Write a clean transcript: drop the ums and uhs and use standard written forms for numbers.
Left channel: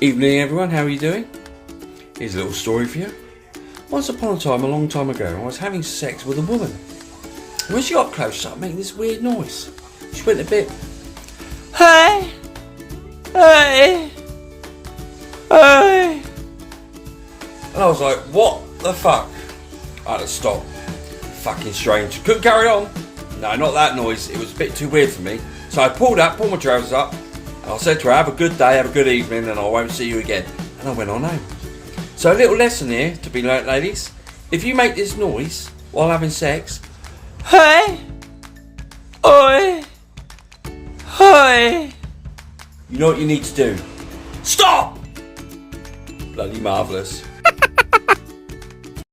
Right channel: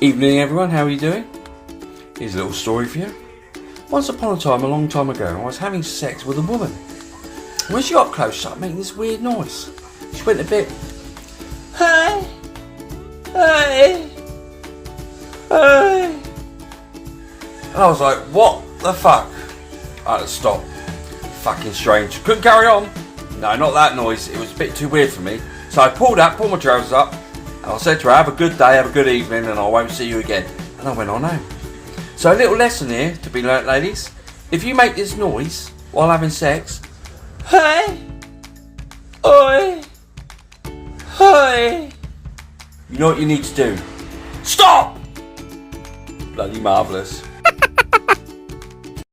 Evening everyone, how are you doing? Here's a little story for you. Once upon a time, a long time ago, I was having sex with a woman. When she got close, she started making this weird noise. She went a bit, hey, hey, hey. And I was like, what the fuck? I had to stop. Fucking strange. Couldn't carry on. No, not that noise. It was a bit too weird for me. So I pulled my trousers up, and I said to her, have a good day, have a good evening, and I won't see you again. And I went on home. So a little lesson here to be learnt, ladies. If you make this noise while having sex, hey, oi, oi, you know what you need to do. Stop! Bloody marvellous.